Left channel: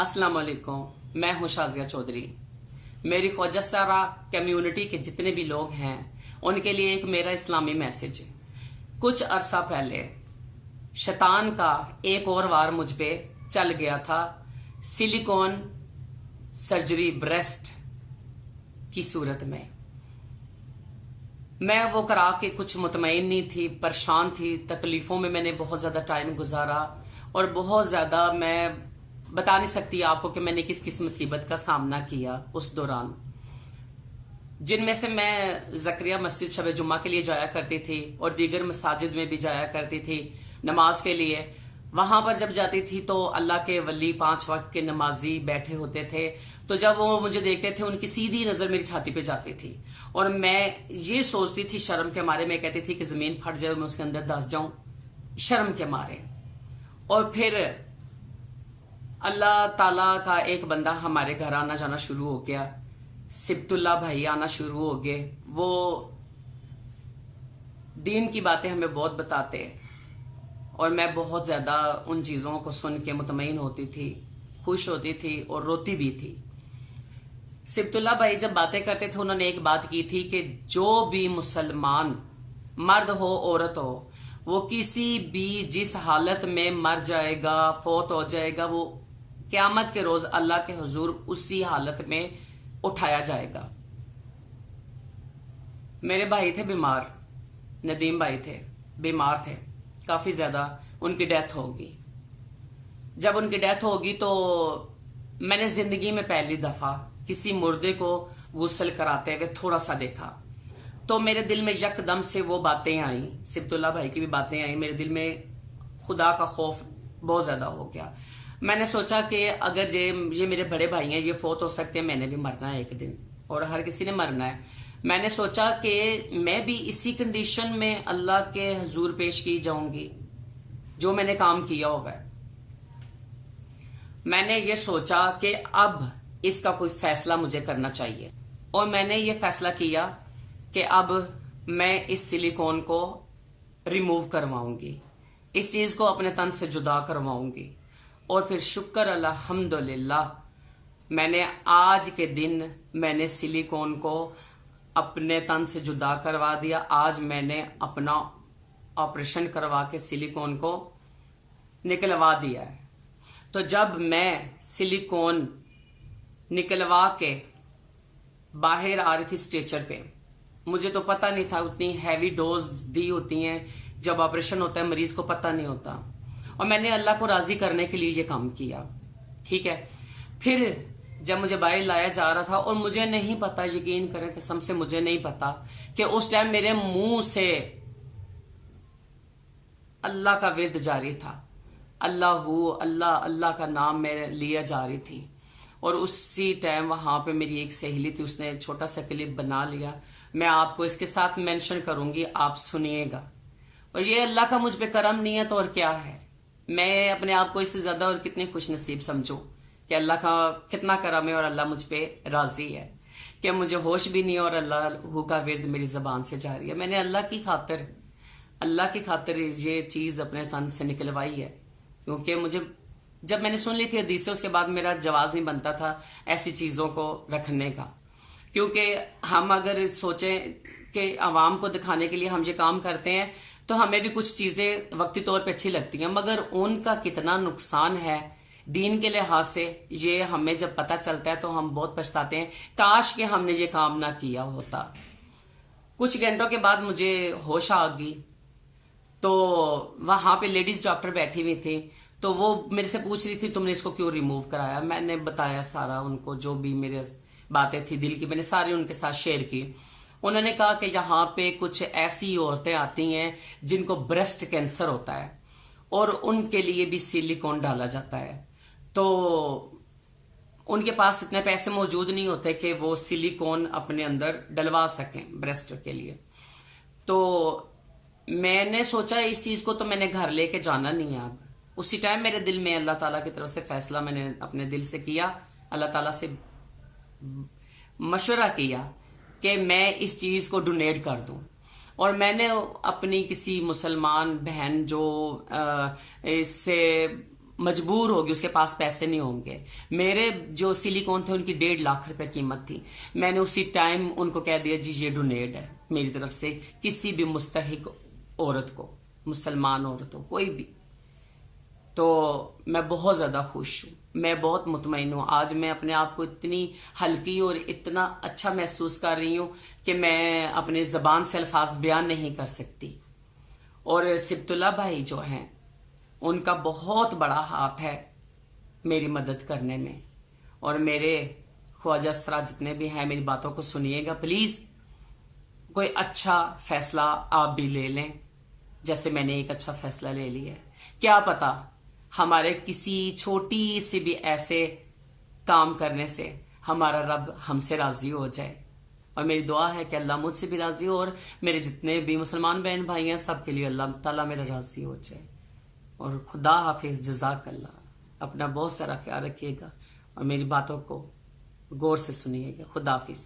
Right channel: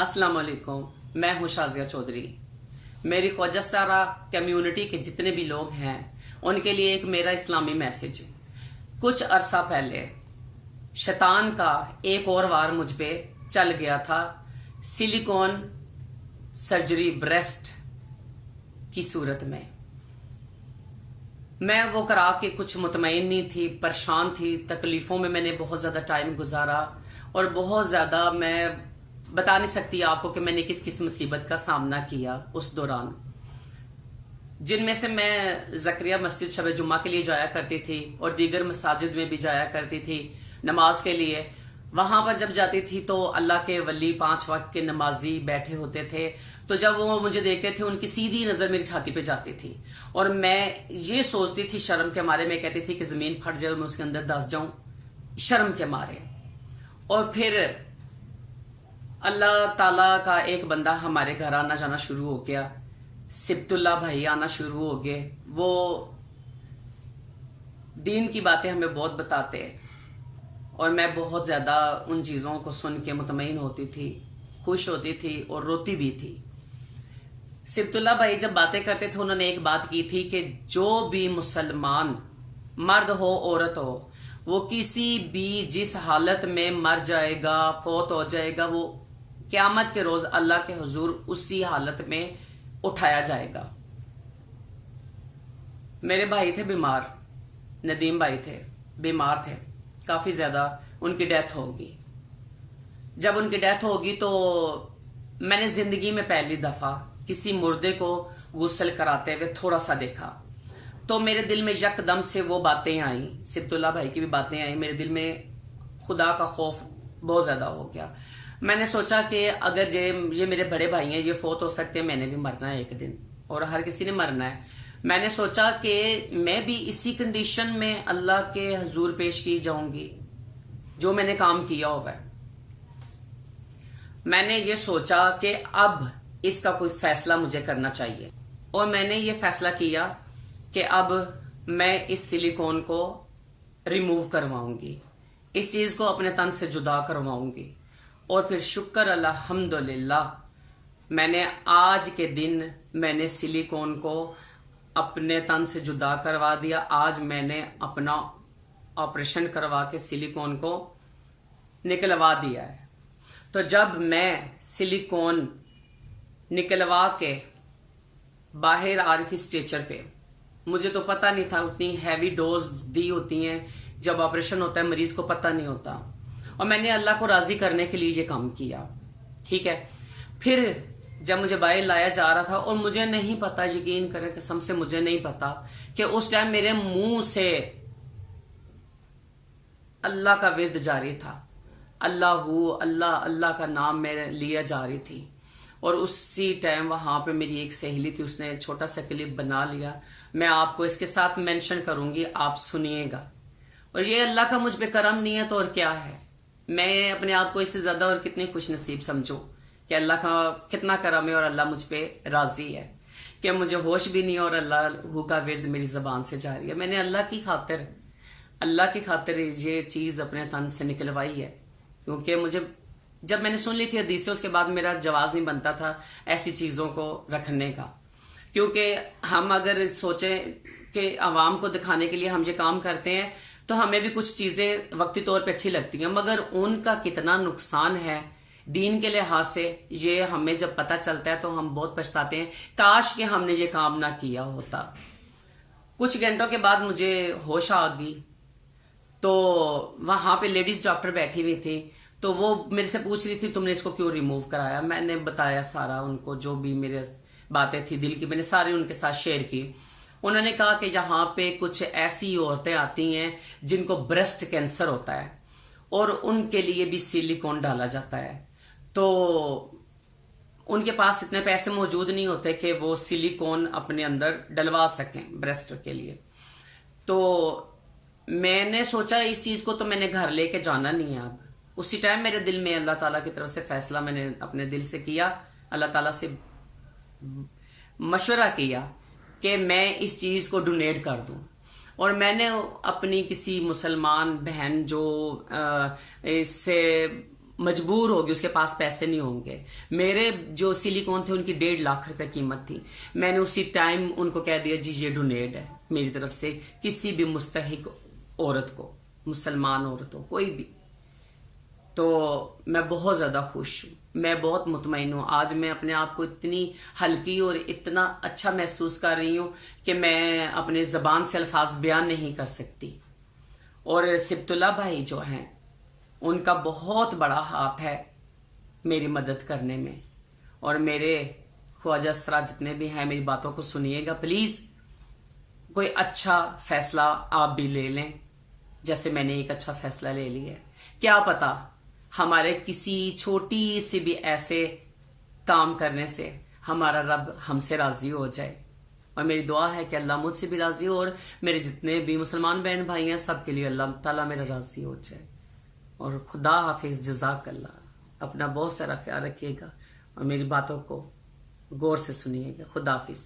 अस्सलाम वालेकुम। मैं हूं शाजिया चौधरी। मेरी ख्वाजा सारा कम्युनिटी के जितने भी लोग हैं उनके लिए एक मेरा इस्लामी मैसेज। कुछ अरसा पहले शैतान का एक और वार मुझ पे चल गया था, सिलिकॉन सर्जरी ब्रेस्ट की सूरत में। मैं वो करा के कुछ मुतमईन नहीं थी, परेशान थी, तकलीफों में मैंने बहुत ज्यादा टाइम गुजारा और बहुत ज्यादा मैं बता नहीं सकती आपको कि मैंने किस किस मुसीबत का सामना किया उस दौरान, जिनमें से मैं ज़करिया मस्जिद शब जुम्मा के लिए जाया करती थी और दीगर मसाजिद में भी जाया करती थी नमाज के लिए। वहां पर जब जाती थी तो अल्लाह के वली 5 वक्त के नमाजी बैठे होते थे, तो जब वो मुझे देखते थे उनकी सीधी नजर मेरी छाती पे जाती थी और मैं ये सोचती थी, शर्म के मारे मैं कहती थी कि जमीन फट जाए मैं उसके अंदर दस जाऊं, शर्म के मारे। और फिर अल्लाह ताला का एक बंदा हमारे घर आना जाना शुरू हो गया, सिब्तुल्लाह भाई आना शुरू हो गए। वो दीन की बातें हमें बहुत बताते और मैं बहुत ज्यादा उन चीजों को सुन के मुतमईन होती थी, खुश होती थी और रोती भी थी। सिब्तुल्लाह भाई जब बातें करते थे उन्होंने एक बात की थी कि जो भी मुसलमान मर्द हो औरत हो, वो किसी भी जिस हालत में मर जाएगा, फौत हो जाएगा, वो क़यामत के रोज अल्लाह के हुजूर उसी हालत में उठाया जाएगा। मेरे भाई थे बीमार, नदीम भाई थे बीमार थे काफी ज्यादा, उनकी डेथ होगी। जब उनकी डेथ होगी तो मैंने जिंदगी में पहली दफा किसी मुर्दे को गुस्ल कराते हुए थोड़ा सा देखा, तो मेरे दिल में यकदम से वो बातें आई, सिब्तुल्लाह भाई की भी बातें आई। मेरे दिल में खुदा का खौफ बहुत ज्यादा हो गया। मैंने सोचा कि अगर ये मेरे बड़े भाई हैं, ये फौत हो सकते हैं, मैंने भी मरना है एक दिन और हर किसी ने मरना है। मैंने सोचा कि मैं भी इसी कंडीशन में अल्लाह के हुजूर पेश की जाऊंगी जो मैंने काम किया हुआ है। मैंने ये सोचा कि अब इसका कोई फैसला मुझे करना चाहिए और मैंने ये फैसला किया कि अब मैं इस सिलिकॉन को रिमूव करवाऊंगी, इस चीज को अपने तन से जुदा करवाऊंगी। और फिर शुक्र अल्हम्दुलिल्लाह मैंने आज के दिन मैंने सिलिकॉन को अपने तन से जुदा करवा दिया। आज मैंने अपना ऑपरेशन करवा के सिलिकॉन को निकलवा दिया है। तो जब मैं सिलिकॉन निकलवा के बाहर आ रही थी स्ट्रेचर पे, मुझे तो पता नहीं था, उतनी हैवी डोज दी होती हैं जब ऑपरेशन होता है, मरीज को पता नहीं होता। और मैंने अल्लाह को राजी करने के लिए ये काम किया, ठीक है। फिर जब मुझे बाहर लाया जा रहा था और मुझे नहीं पता, यकीन करें कसम से मुझे नहीं पता कि उस टाइम मेरे मुंह से अल्लाह का विर्द जारी था, अल्लाहू अल्लाह अल्लाह का नाम मेरे लिया जा रही थी। और उसी टाइम वहां पे मेरी एक सहेली थी, उसने छोटा सा क्लिप बना लिया, मैं आपको इसके साथ मेंशन करूंगी, आप सुनिएगा। और ये अल्लाह का मुझ पे करम नहीं है तो और क्या है। मैं अपने आप को इससे ज्यादा और कितनी खुश नसीब समझूं कि अल्लाह का कितना करम है और अल्लाह मुझ पे राजी है कि मुझे होश भी नहीं और अल्लाह का विर्द मेरी जबान से जारी है। मैंने अल्लाह की खातिर ये चीज अपने तन से निकलवाई है, क्योंकि मुझे जब मैंने सुन ली थी हदीस से, उसके बाद मेरा जवाब नहीं बनता था ऐसी चीजों को रखने का। क्योंकि हम अगर सोचें कि आवाम को दिखाने के लिए हम ये काम करते हैं तो हमें भी कुछ चीजें वक्ती तौर पे अच्छी लगती हैं, मगर उनका कितना नुकसान है दीन के लिहाज से ये हमें जब पता चलता है तो हम बहुत पछताते हैं, काश कि हमने ये काम ना किया होता। कुछ घंटों के बाद मुझे होश आ गई, तो वहां पे लेडीज डॉक्टर बैठी हुई थी, तो वो मेरे से पूछ रही थी तुमने इसको क्यों रिमूव कराया। मैंने बताया सारा उनको, जो भी मेरे बातें थी दिल की, मैंने सारी उनके साथ शेयर की। उन्होंने कहा कि यहाँ पे कुछ ऐसी औरतें आती हैं जिनको ब्रेस्ट कैंसर होता है और उनके लिए भी सिलिकॉन डाला जाता है, तो उनके पास इतने पैसे मौजूद नहीं होते कि वो सिलिकॉन अपने अंदर डलवा सकें ब्रेस्ट के लिए। तो मैंने सोचा इस चीज को तो मैंने घर लेके जाना नहीं है। अब उसी टाइम मेरे दिल में अल्लाह ताला की तरफ से फैसला मैंने अपने दिल से किया, अल्लाह ताला से मशवरा किया कि मैं इस चीज को डोनेट कर दूं। और मैंने अपनी किसी मुसलमान बहन जो इससे مجبور ہوگی، اس کے پاس پیسے نہیں ہوں گے. میرے جو سلیکون تھے ان کی 1.5 لاکھ روپے قیمت تھی. میں نے اسی ٹائم ان کو کہہ دیا جی یہ ڈونیٹ ہے میری طرف سے کسی بھی مستحق عورت کو، مسلمان عورت ہو کوئی بھی. تو میں بہت زیادہ خوش ہوں، میں بہت مطمئن ہوں. آج میں اپنے آپ کو اتنی ہلکی اور اتنا اچھا محسوس کر رہی ہوں کہ میں اپنے زبان سے الفاظ بیان نہیں کر سکتی. اور سبت اللہ بھائی جو ہیں ان کا بہت بڑا ہاتھ ہے میری مدد کرنے میں. اور میرے خواجہ اسرا جتنے بھی ہیں میری باتوں کو سنیے گا پلیز. کوئی اچھا فیصلہ آپ بھی لے لیں جیسے میں نے ایک اچھا فیصلہ لے لیا ہے. کیا پتا ہمارے کسی چھوٹی سی بھی ایسے کام کرنے سے ہمارا رب ہم سے راضی ہو جائے. اور میری دعا ہے کہ اللہ مجھ سے بھی راضی ہو اور میرے جتنے بھی مسلمان بہن بھائی ہیں سب کے لیے اللہ تعالیٰ میرا راضی ہو جائے. اور خدا حافظ، جزاک اللہ. اپنا بہت سارا خیال رکھیے گا اور میری باتوں کو غور سے سنیے گا. خدا حافظ.